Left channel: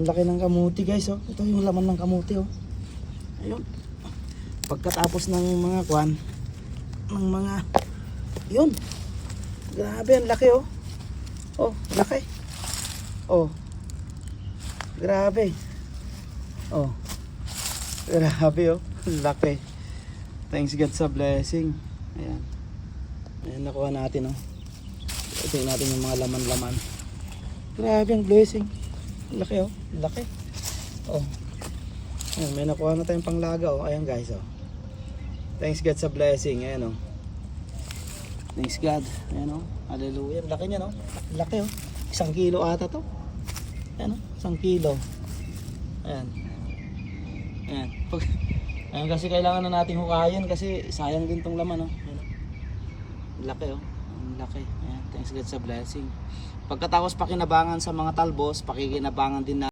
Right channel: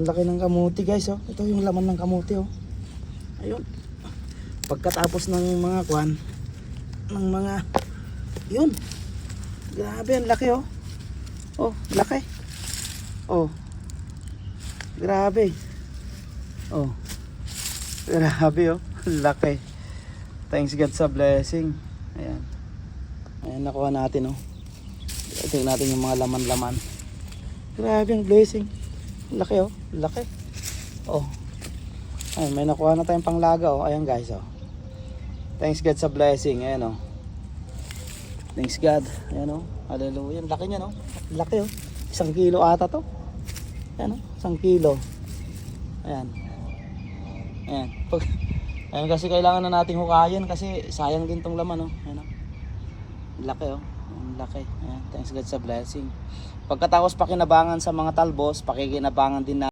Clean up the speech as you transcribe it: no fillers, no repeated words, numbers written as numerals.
Ang laki ng kamuti guys, oh. Ito yung laman ng kamuti, oh. Ayun. Pagkatapos ng mga kwan, ng mga, yun. Grabe, ang laki, oh. Oh, laki. Oh. Grabe. Oh. Grabe, oh. Laki. Thanks God sa blessing. Ayan. Ayan, nakuha natin, oh. Tingnan natin yung mga laman-laman. Grabe ang blessing. Laki, oh. Laki. Oh. Ayan, may nakuha na tayong panglaga, oh. Ayan guys, oh. Thanks God sa blessing. Ayan, oh. Thanks God. Ayan, oh. Hallelujah. Laki niya, no? Laki, oh. 1 kilo ata to. Ayan, oh. 1 kilo. Ayan. Ayan. Ayan kasi kailangan na nating hukayan kasi sayang din tong laman, oh. Ayan, oh. Laki, oh. Ang laki. Ayan. Thanks God sa blessing. Pagkatapos pakinabangan sa mga talbos, pakikinabangan din na